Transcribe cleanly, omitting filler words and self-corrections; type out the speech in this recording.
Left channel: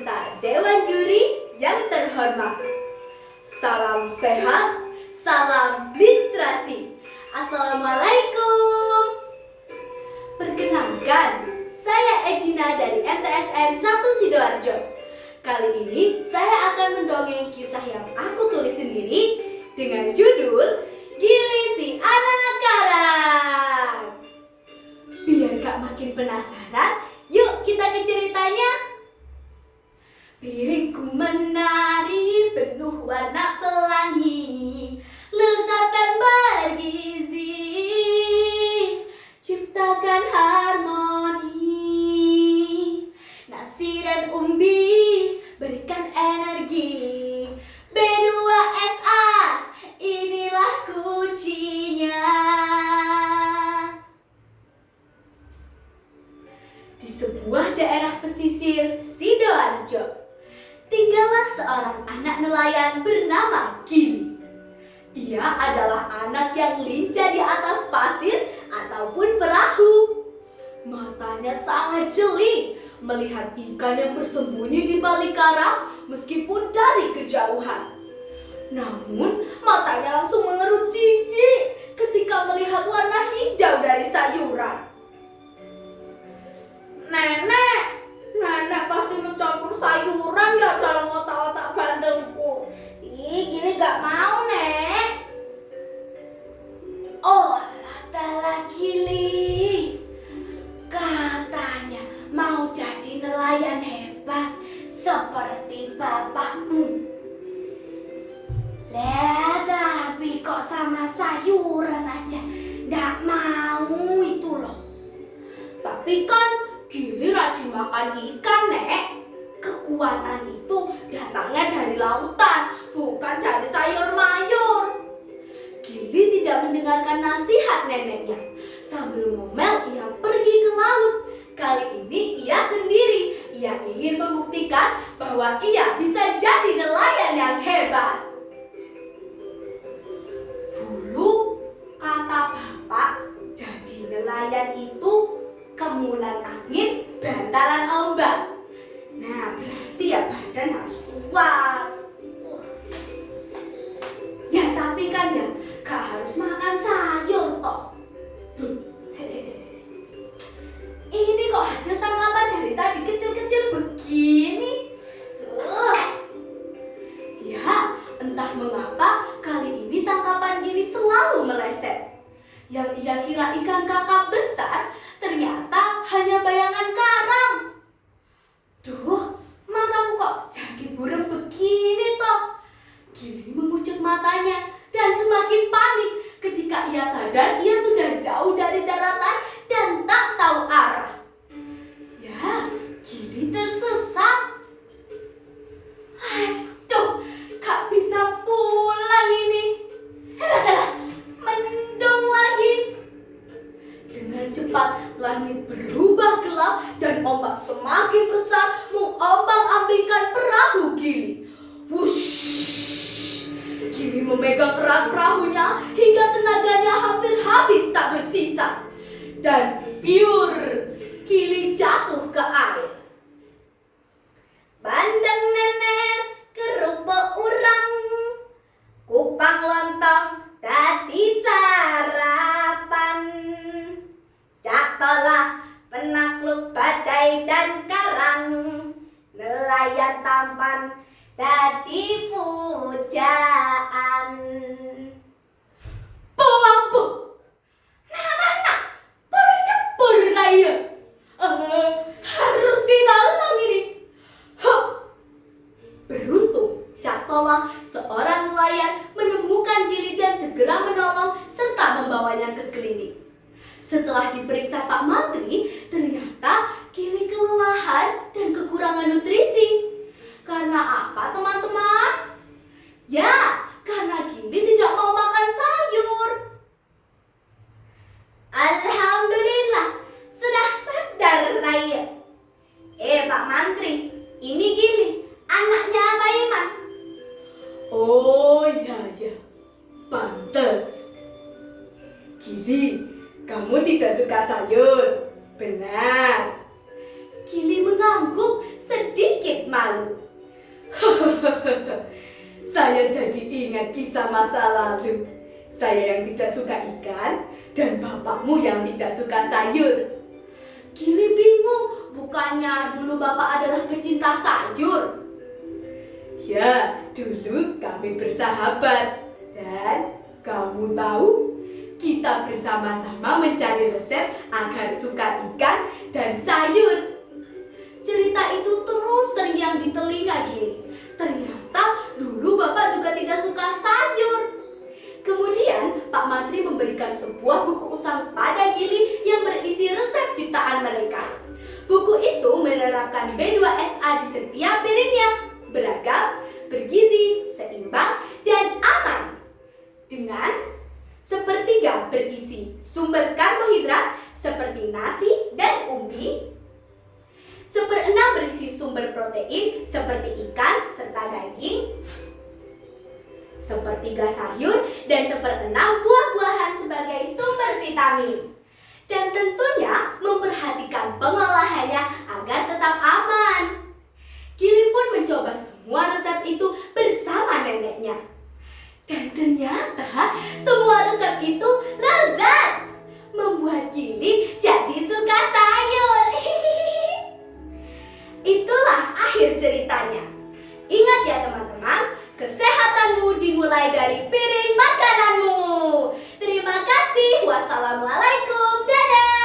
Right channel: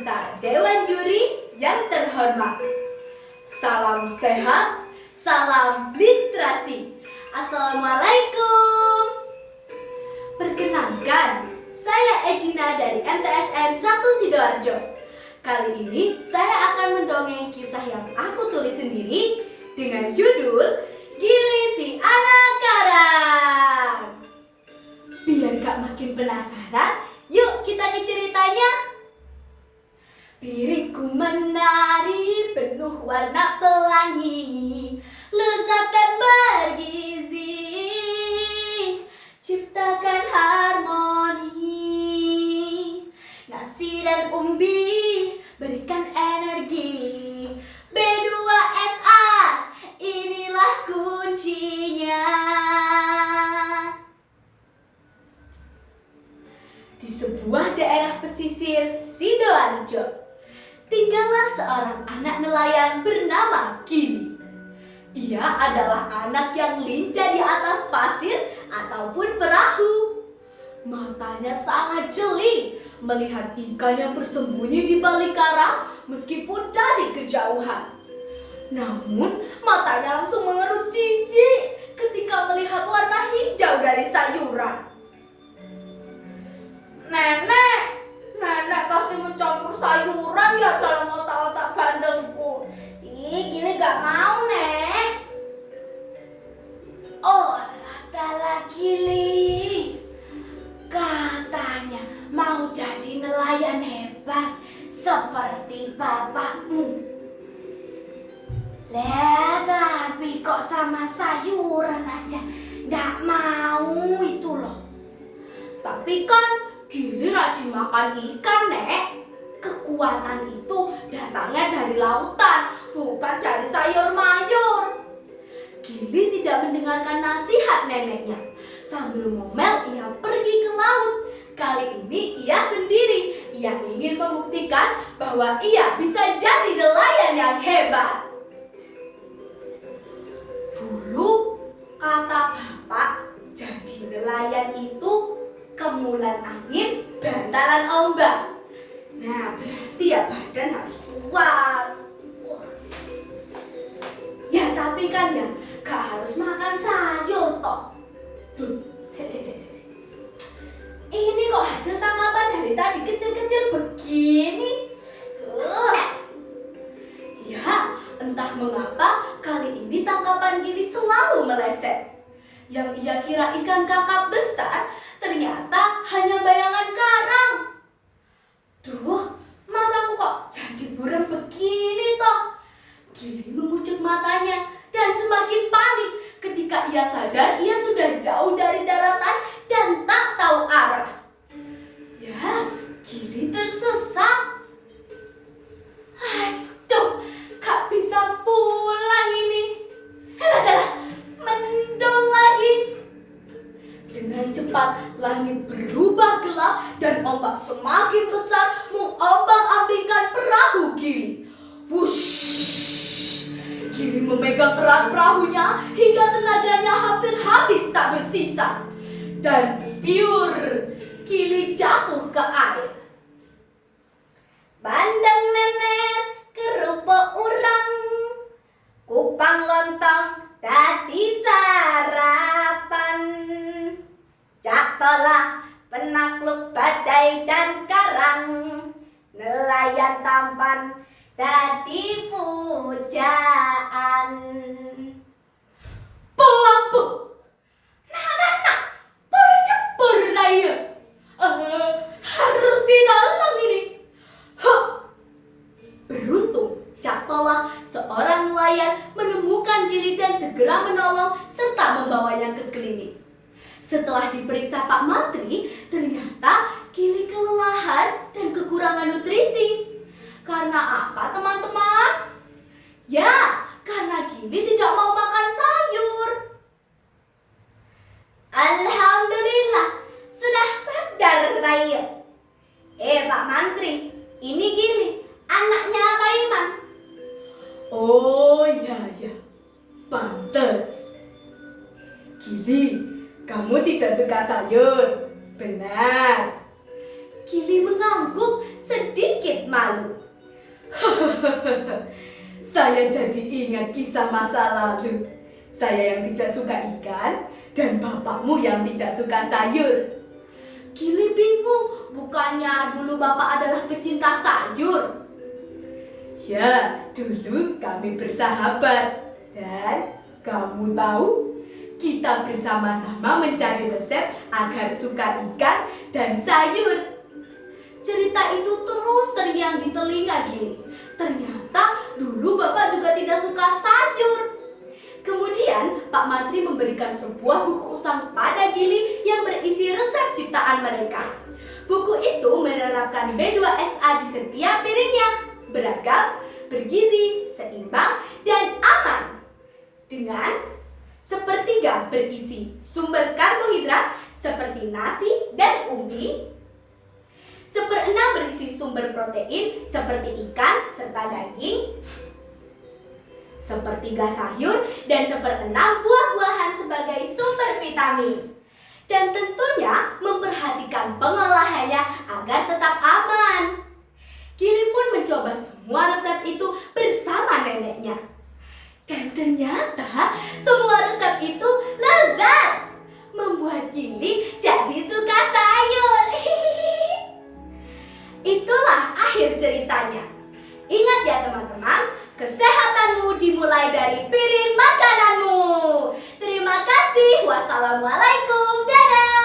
serta Dewan Juri yang terhormat. Salam sehat, salam literasi. Assalamualaikum. Perkenalkan, saya Ejina dari MTSN 1 Sidoarjo. Kali ini saya akan mendongeng kisah yang aku tulis sendiri dengan judul Gili si Anak Karang. Biar gak makin penasaran, yuk kita ke ceritanya. Piringku menari penuh warna pelangi, lezat dan bergizi, ciptakan harmoni. Nasi dan umbi berikan energi, B2SA inilah kuncinya. Di sebuah daerah pesisir Sidoarjo, tinggallah seorang anak nelayan bernama Gili. Ia adalah anak yang lincah di atas pasir ataupun perahu. Matanya sangat jeli melihat ikan yang bersembunyi di balik karang meskipun dari kejauhan. Namun matanya langsung mengerut jijik ketika melihat warna hijau dari sayuran. Nenek pasti mencampur sayuran ya dalam otak-otak bandengku. Ih, Gili gak mau, Nek. Oh, latala Gili. Katanya mau jadi nelayan hebat seperti bapakmu. Tapi kok sama sayuran aja gak mau itu loh. Tapi kan Gili rajin makan ikan, Nek. Kekuatan itu datangnya dari lautan, bukan dari sayur mayur. Gili tidak mendengarkan nasihat neneknya. Sambil ngomel, ia pergi ke laut. Kali ini ia sendiri. Ia ingin membuktikan bahwa ia bisa jadi nelayan yang hebat. Dulu, kata bapak, jadi nelayan itu kemulan angin, bantalan ombak. Nah, berarti ya badan harus kuat. Ya tapi kan ya, gak harus makan sayur toh. Ini kok hasil tangkapan dari tadi kecil-kecil begini. Ya, entah mengapa kali ini tangkapan Gili selalu meleset. Yang ia kira ikan kakap besar, ternyata hanya bayangan karang. Duh, mataku kok jadi buram begini toh. Gili mengucek matanya dan semakin panik ketika ia sadar ia sudah jauh dari daratan dan tak tahu arah. Ya, Gili tersesat. Aduh, gak bisa pulang ini. Mendung lagi. Dengan cepat langit berubah gelap dan ombak semakin besar mengombang-ambingkan perahu Gili. Wush! Gili memegang erat perahunya hingga tenaganya hampir habis tak bersisa. Dan biur, Gili jatuh ke air. Bandeng nenek, kerupuk urang, kupang lontong, tadi sarapan. Jatuhlah penakluk badai dan karang, nelayan tampan tadi pujaan. Buang-bu, nak berjebur raya. Harus ditolong ini. Beruntung jatuhlah seorang nelayan menemukan Gili dan segera menolong serta membawanya ke klinik. Setelah diperiksa Pak Mantri, ternyata Gili kelelahan dan kekurangan nutrisi. Karena apa, teman-teman? Ya, karena Gili tidak mau makan sayur. Alhamdulillah, sudah sadar Raya. Pak Mantri, ini Gili, anaknya Pak Iman. Oh iya, pantes. Gili, kamu tidak suka sayur? Benar. Gili mengangguk sedikit malu. Saya jadi ingat kisah masa lalu. Saya yang tidak suka ikan dan bapakmu yang tidak suka sayur. Gili bingung, bukannya dulu bapak adalah pecinta sayur? Ya, dulu kami bersahabat. Dan kamu tahu, kita bersama-sama mencari resep agar suka ikan dan sayur. Cerita itu terus terngiang di telinga Gili. Ternyata dulu bapak juga tidak suka sayur. Kemudian Pak Mantri memberikan sebuah buku usang pada Gili yang berisi resep ciptaan mereka. Buku itu menerapkan B2SA di setiap piringnya. Beragam, bergizi, seimbang, dan aman. Dengan sepertiga berisi sumber karbohidrat seperti nasi dan ubi, seperenam berisi sumber protein seperti ikan serta daging, sepertiga sayur, dan seperenam buah-buahan sebagai sumber vitamin. Dan tentunya memperhatikan pengolahannya agar tetap aman. Gili pun mencoba semua resep itu bersama neneknya. Dan ternyata semua resep itu lezat, membuat Gili jadi suka sayur. Itulah akhir ceritanya. Ingat ya teman-teman, kesehatanmu dimulai dari piring makananmu. Terima kasih. Wassalamualaikum. Dadah.